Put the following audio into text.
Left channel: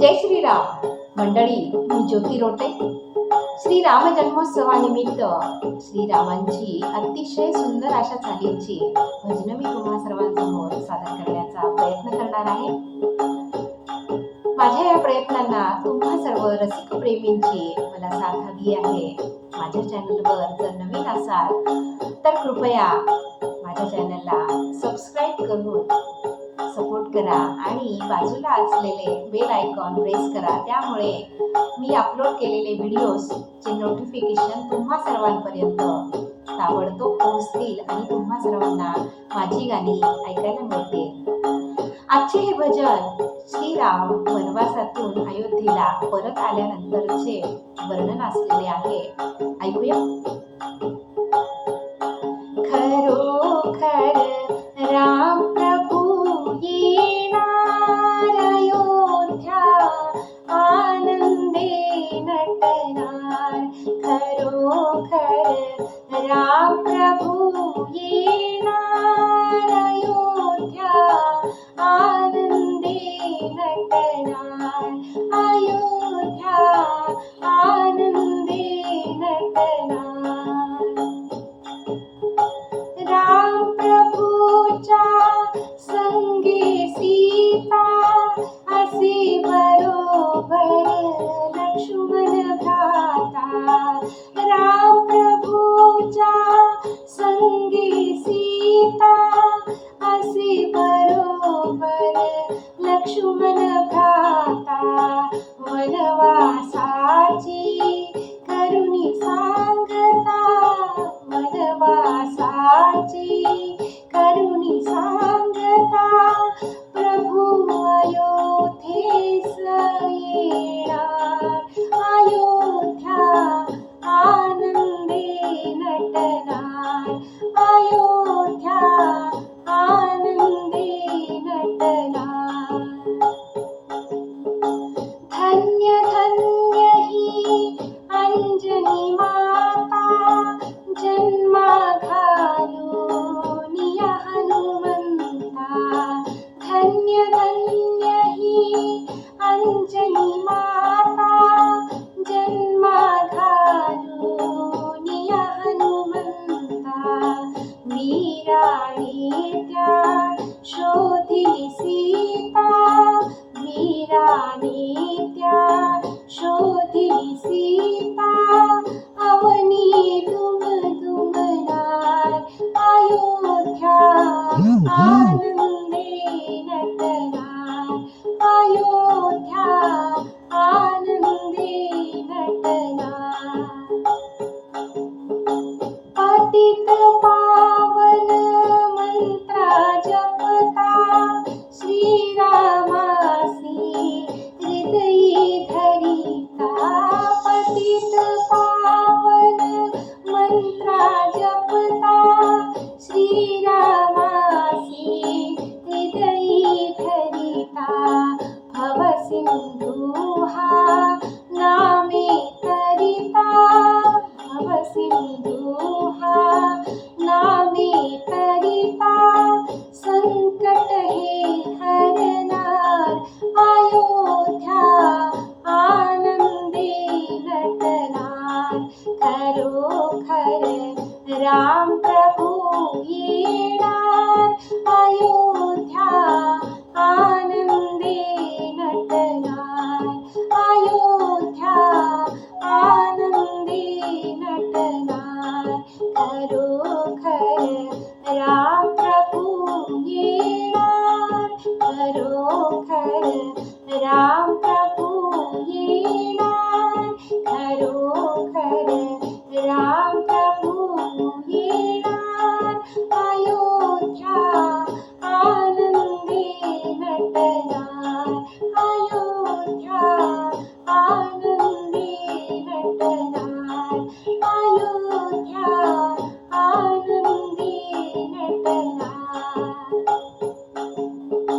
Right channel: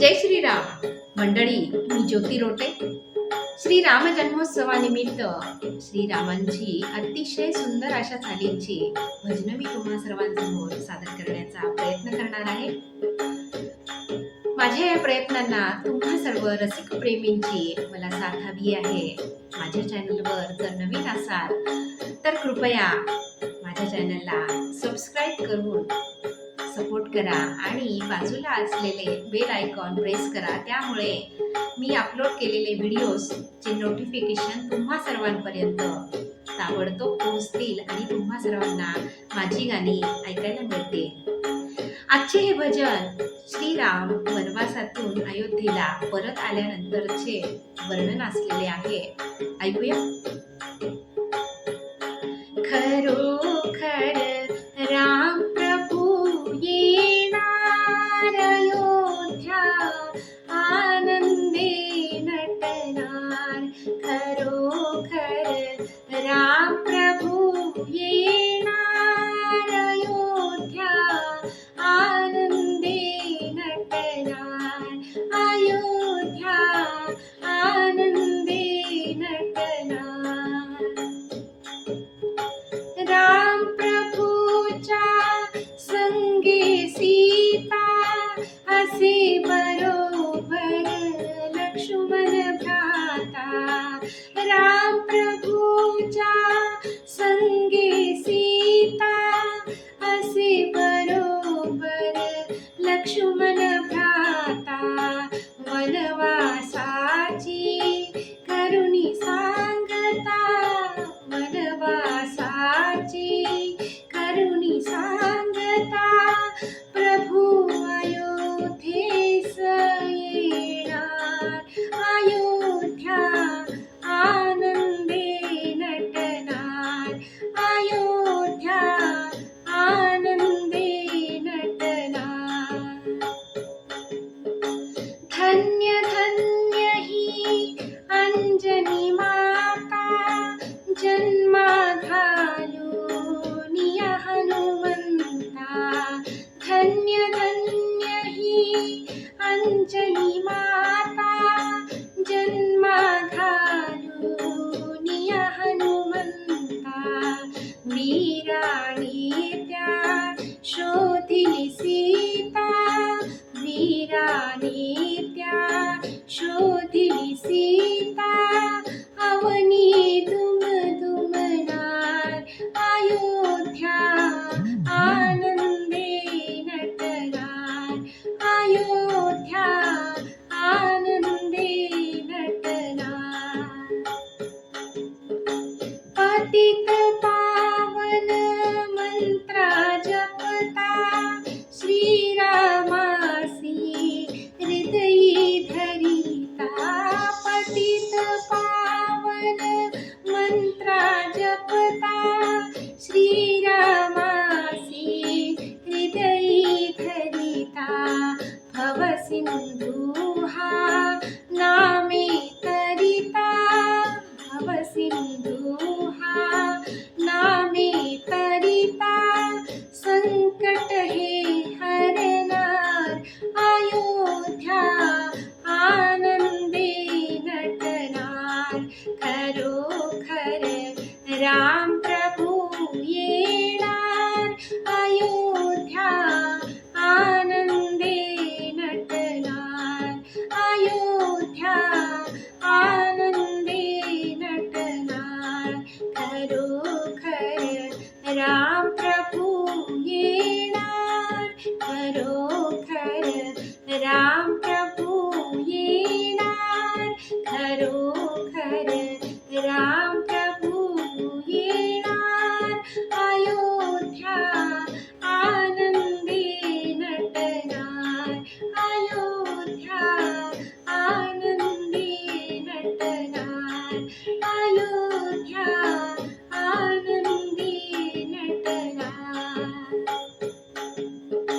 जय श्रीराम मंडळी, मी ज्योती रोटे. श्रीराम जन्मोत्सवानिमित्त श्रीरामांची अतिशय सुंदर अशा चालींची भजनं मी तुम्हा सर्वांसमोर सादर करण्याचा प्रयत्न करणार आहे. माझ्या या प्रयत्नांना तुम्हा सर्व रसिक प्रेमींची मला साथ हवी आहे. माझ्या चॅनलवर जर नवीन असाल तर कृपया माझ्या चॅनलला सबस्क्राईब करून सपोर्ट करा आणि बाजूला असलेले बेल आयकॉन प्रेस करा. त्यामुळे मी अपलोड केलेले व्हिडिओजचे नोटिफिकेशन तुम्हा सर्वांपर्यंत ताबडतोब पोहोचतील आणि तुम्हा सर्वांना माझी गाणी ऐकायला मिळतील. आजचे हे भजन श्रीराम वनवासातून अयोध्येला परत आल्यानंतरचे वर्णन असलेले आहे. ऐकूया. खरोखर राम प्रभू येणार अयोध्या, आनंदे नटणार. खरोखर राम प्रभू येणार अयोध्या, आनंदे नटणार. अयोध्या आनंदे नटणार. राम प्रभूच्या संगे सीता, असे बरोबर लक्ष्मण भ्राता. राम प्रभूच्या संगे सीता, असे बरोबर लक्ष्मण भ्राता. वनवासाची करुणी सांगता, वनवासाची करुणी सांगता. प्रभू अयोध्येस येणार. अयोध्या आनंदे नटणार. अयोध्या आनंदे नटणार. धन्य धन्य ही अंजनी माता, जन्मा घालून या हनुमंता. धन्य धन्य ही अंजनी माता, जन्मा घालून या हनुमंता. वीराने त्या शोधिली सीता, वीराने त्या शोधिली सीता. अवनी दुमदुमणार. अयोध्या आनंदे नटणार. अयोध्या आनंदे नटणार. पतित पावन मंत्रा जपता, श्रीरामासी हृदयी धरिता. पतित पावन मंत्रा जपता, श्रीरामासी हृदयी धरिता. भवसिंधू हा